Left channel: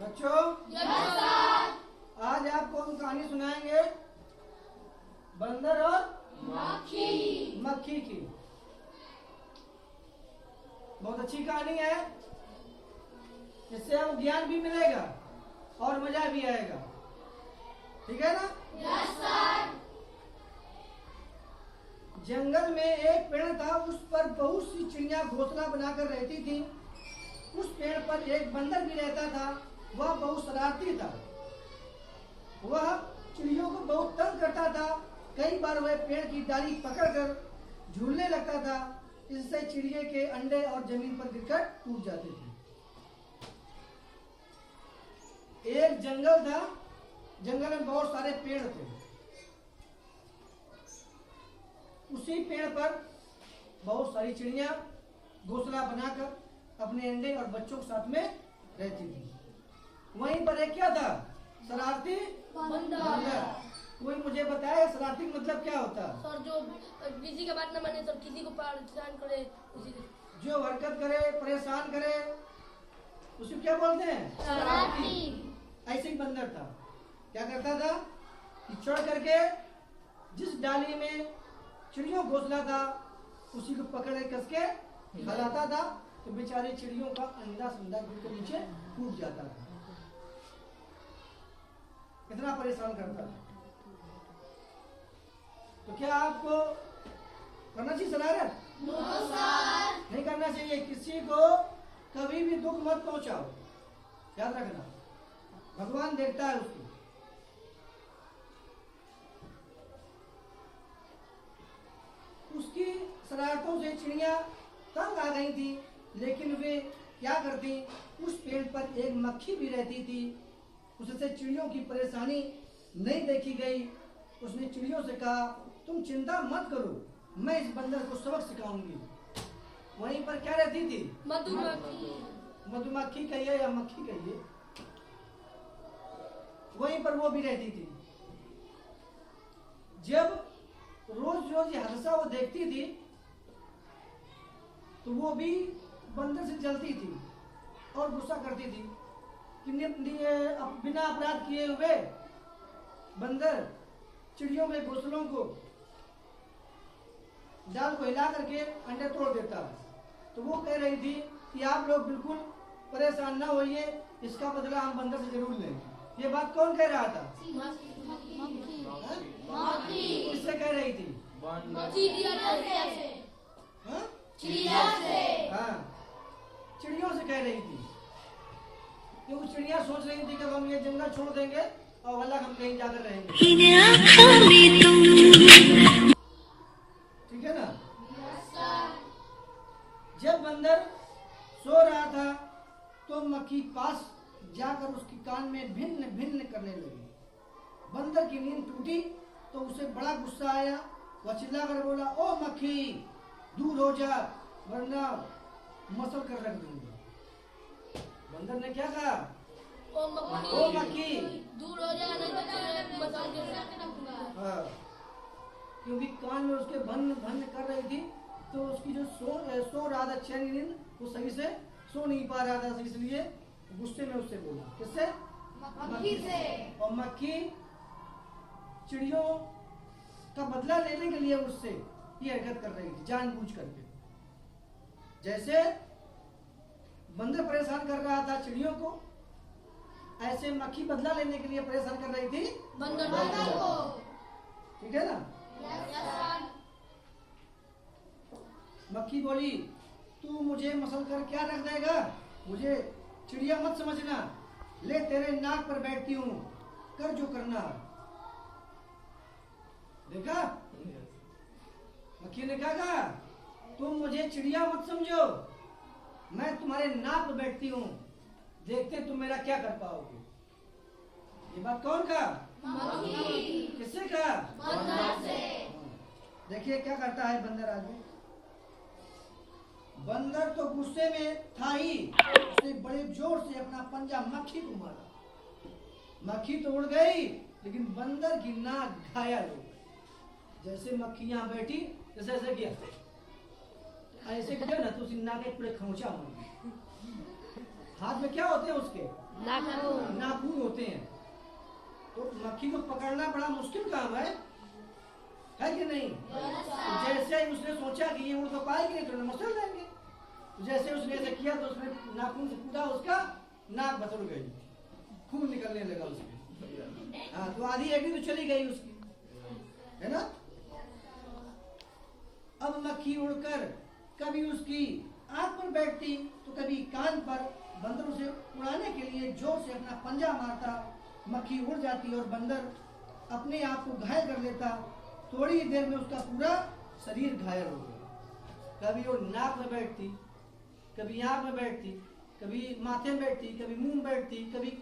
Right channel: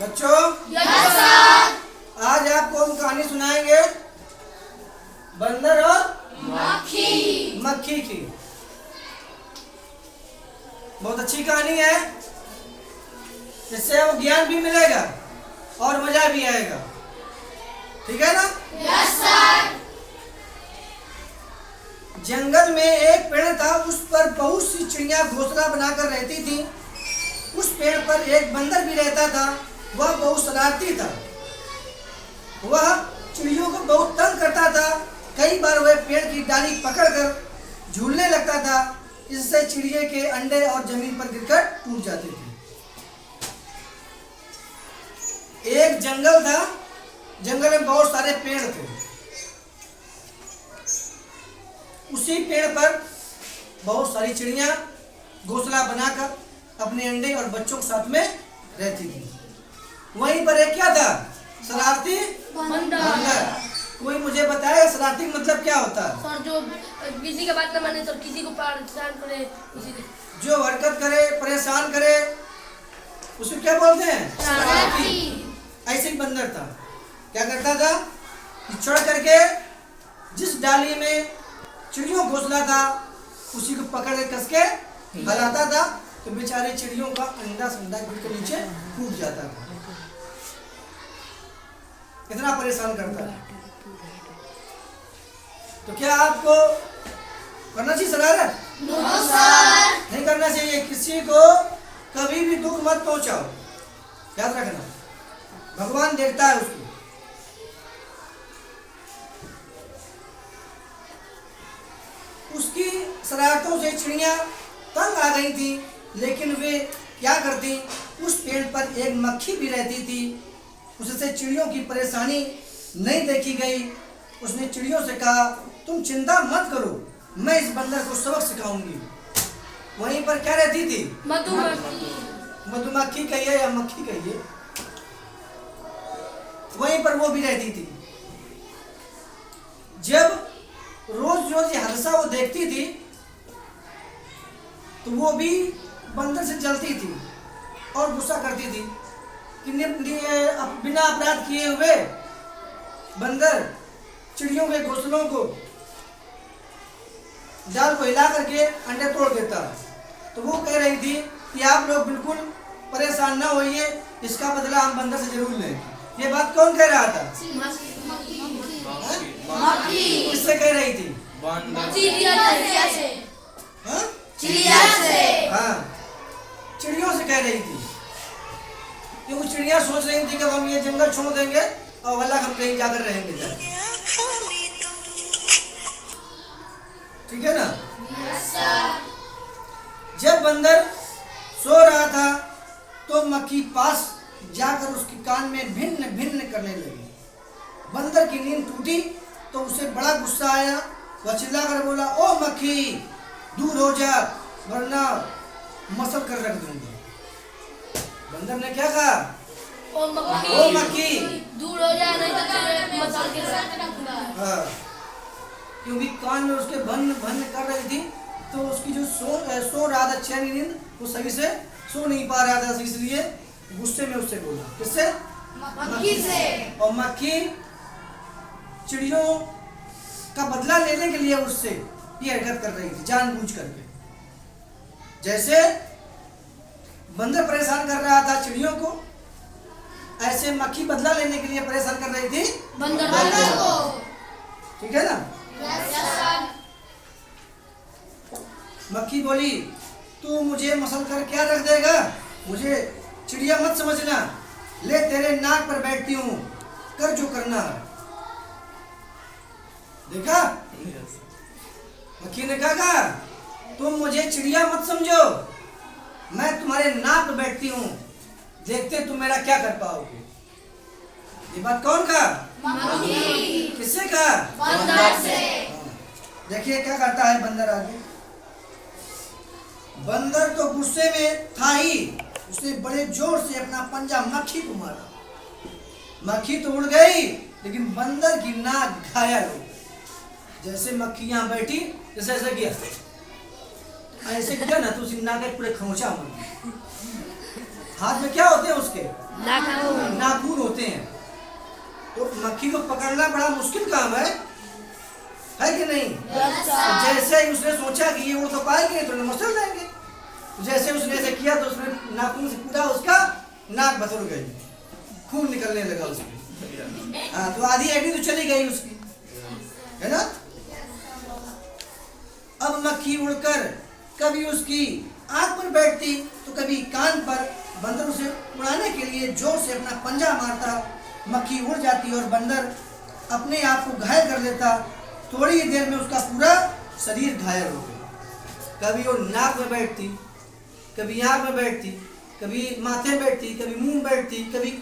बच्चों yes sir. आज आपको हम कहानी सुनाएंगे बंदर और मक्खी की। बहुत अच्छी कहानी है, इससे वो ज्ञान भी मिलेगा और मजा भी आएगा। ठीक है ना? Yes sir. जंगल में एक पेड़ था, उस पर बहुत सी चिड़िया घोंसला बनाकर रहती थी। उस पेड़ पर एक बंदर भी रहता था। वह बहुत शरारती था। वह चिड़ियों को बहुत तंग करता था। कई बार वह पेड़ की डाली पकड़कर झूलने लगता था। इससे चिड़िया के अंडे और जमीन पर गिरकर टूट जाते थे। एक जंगल था, जंगल में बहुत सारे पेड़ थे। उसी पेड़ पर बहुत सारी चिड़िया घोंसला बनाकर अपने अंडे और बच्चों के साथ में रहती थी। वहीं पर एक क्या था? शरारती बंदर। कोई मुझे बताए शरारती मतलब क्या होता है? सर जो किसी का बात न माने, सर किसी को परेशान करे, जो हरकत करे, परेशान करे, उसे क्या बोलते हैं? शरारती। ऐसे ही बंदर था। क्या करता था कि चढ़ करके जिस डाली में चिड़ियों का घोंसला था उसी को पकड़ के कस के हलाता था, तो बेचारे चिड़ियों का अंडा संडा गिर के नीचे टूट जाता था। इतना परेशान करता है। तो क्या आपको करना चाहिए शरारत? No sir. नहीं करना चाहिए। किसी को कभी भी दुख मत पहुंचाओ, याद रखना। भगवान देखता है उसको। उसकी शरारतों से चिड़िया तंग आ गई थी, लेकिन वे क्या करती, उस पेड़ पर एक मक्खी भी रहती थी। उससे चिड़ियों की परेशानी नहीं देखी गई। उसने चिड़ियों से कहा, तुम चिंता मत करो, मैं इस बंदर को सबक सिखाऊंगी। वहीं पर क्या रहती थी? मधुमक्खी। मधुमक्खी कहिए या मक्खी कहिए, वहीं पर वो भी रहती थी। जब रोज रोज ये हादसा वो देखती थी तो वो भी बंदर से जलती थी और गुस्सा करती थी कि बिना अपराध किए हुए बंदर चिड़ियों के घोंसलों को, जाल को हिला करके अंडे तोड़ देता है। तो वो कह रही थी कि आप लोग बिल्कुल परेशान ना होइए, इसका बदला हम बंदर से जरूर लेंगे। ये बात कौन कह रहा था? किससे कह रही थी? चिड़िया से। हाँ, चिड़ियों से कह रही थी। क्योंकि चिड़िया सोच रही थी कि हम ये जंगल छोड़ देंगे और अलग हम कहीं जाकर रहेंगे। ठीक है ना? जब बंदर सो रहा था तो मक्खी पास जाकर उसके कान में भिन्न भिन्न करने लगी। बंदर की नींद टूटी तो उसे बड़ा गुस्सा आया। वह चिल्लाकर बोला, ओ मक्खी, दूर हो जा वरना मसल कर रख दूंगा। बंदर ने क्या कहा? ओ मक्खी दूर हो जा, नहीं तो मसल के रख दूंगा। हाँ, क्योंकि कान में उसके भन भन कर रही थी, तो उसकी जो सो रहा था चैन नींद, वो सही से सो नहीं पा रहा था, इसलिए गुस्से में उससे बोला। किससे? मक्खी से। और मक्खी चिड़ियों का बदला लेने के लिए उससे ये हरकत कर रही थी, जानबूझ करके। जैसे बंदर परेशान कर रहा था चिड़ियों को, ऐसे मक्खी बदला लेने के लिए परेशान कर रही थी बंदर को। ठीक है ना? मक्खी बोली, तू मुझे मसल कर क्या रख देगा? मुझे चिड़िया मत समझना, ले तेरे नाक पर बैठती हूँ, कर जो करना है। देखा? मक्खी ने कहा, तुम मुझे चिड़िया मत समझो, मैं तुम्हारे नाक पर बैठती हूँ, देखते तुम मेरा क्या कर पाओगे। ये बात कौन कहा? मक्खी। किससे कहा? बंदर से। देखिए क्या करता है बंदर आगे। बंदर तो गुस्से में था ही, उसने बड़े जोर से अपना पंजा मक्खी को मारा। मक्खी तो उड़ गई, लेकिन बंदर की नाक घायल हो गई। जैसे मक्खी यहाँ बैठी, जैसे ऐसा किया, ऐसे किया ना तो उसकी नाक पूरे खोचा मर गई। हाथ में क्या होते हैं उसके? नाखून। नाखून होते हैं। तो मक्खी को पकड़ना बड़ा मुश्किल काम है कि नहीं? तो जैसे ही उसने सोचा कि ये उड़ तो पाएंगे तो मसल देंगे, तो जैसे उसने ऐसे किया तो उसने नाखून से पूरा उसका नाक बसुर गई, खून निकलने लगा उसमें। हाँ, तो आधी हड्डी तो चली गई उसकी, है ना? अब मक्खी उड़कर कभी उसकी आंख पर बैठती तो कभी कान पर। बंदर उसे उड़ाने के लिए जोर से अपना पंजा मारता, मक्खी उड़ जाती और बंदर अपने आप को घायल कर लेता। थोड़ी ही देर में उसका पूरा शरीर घायल हो गया। कभी वो नाक में बैठती, कभी आंख में बैठती, कभी माथे में बैठती, कभी मुंह में बैठती, कभी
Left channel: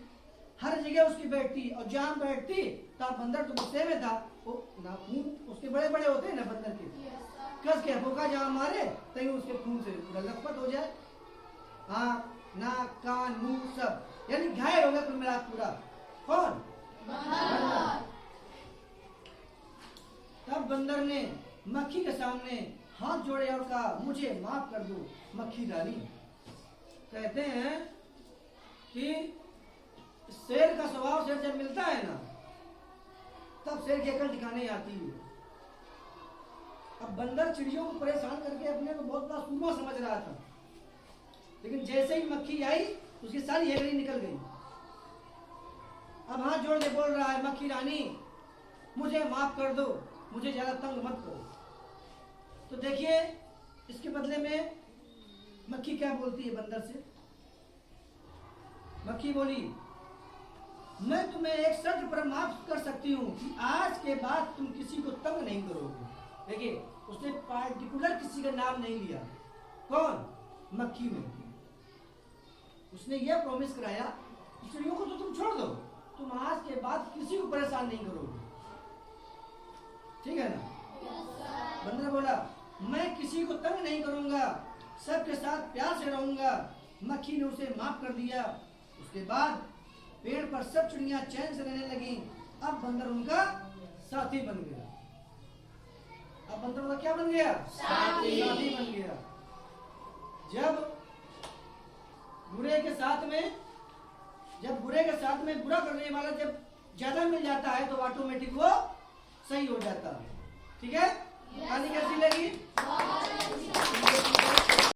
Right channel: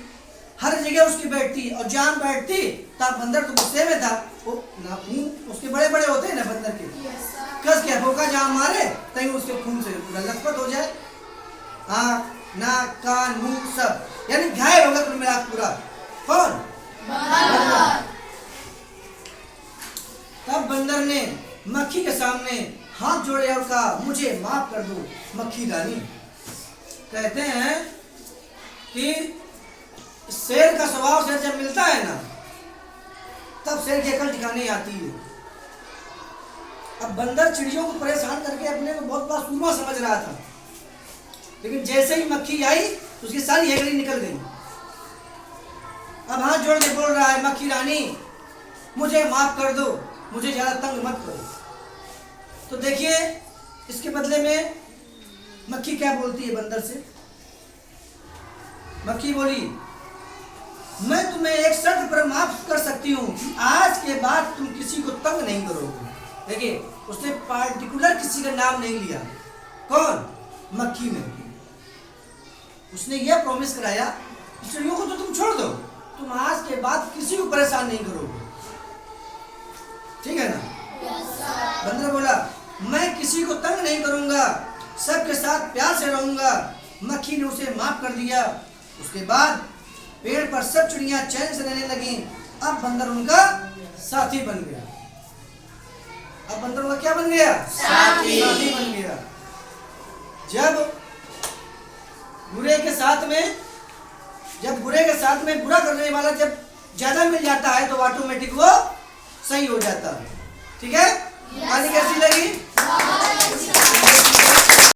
हर जगह उसकी बैठती। और जान बैठती तब बंदर तो गुस्से में था, वो मुंह उसके बड़े बड़े होते हैं ना बंदर के, कस के भोका जहाँ मारे तभी उसके खून से पूरा लथपथ हो जाए, आँख नाक कान मुंह सब, यानी घायल होगा कुल मिला पूरा। कौन? बंदर। तब बंदर ने मक्खी के सामने हाथ जोड़े और कहा, मुझे माफ कर दो मक्खी रानी। कहते हैं कि शेर का स्वभाव से जब मिलता है ना, तब शेर की अकल ठिकाने आती है। अब बंदर चिड़ियों को परेशान करके अपने को बहुत बड़ा सूरमा समझ रहा था, लेकिन जैसे ही मक्खी आई तो उसकी सारी हेगड़ी निकल गई। अब हाथ जोड़ के बोल रहा है, मक्खी रानी मुझे माफ कर दो, मुझे ज्यादा तंग मत करो। तो देखिए इसके बदले में मक्खी क्या बोलती है बंदर से। मक्खी बोली, मैं तुम्हें एक शर्त पर माफ कर सकती हूँ कि आज के बाद तुम किसी को तंग नहीं करोगे। देखिए उसने पार्टिकुलर किसी का नाम नहीं लिया। कौन? मक्खी ने। उसने यह प्रॉमिस कराया कि चिड़ियों को तो तुम छोड़ दो, तुम आज के बाद किसी को परेशान नहीं करोगे, ठीक है ना? बंदर बोला, मैं किसी को तंग नहीं करूंगा, सबके साथ प्यार से रहूंगा। मक्खी ने उसे माफ कर दिया। उसके बाद पेड़ पर सब चिड़ियां चैन से रहने लगी। अब बंदर उनका साथी बन गया। अब बंदर उनका क्या बन गया? साथी बन गया। जब बुरे के साथ में बुरा करने वाला जब ज्यादा मिल जाता है तो ऑटोमेटिक वो सही हो जाता है। ठीक है? कहानी कैसी लगी?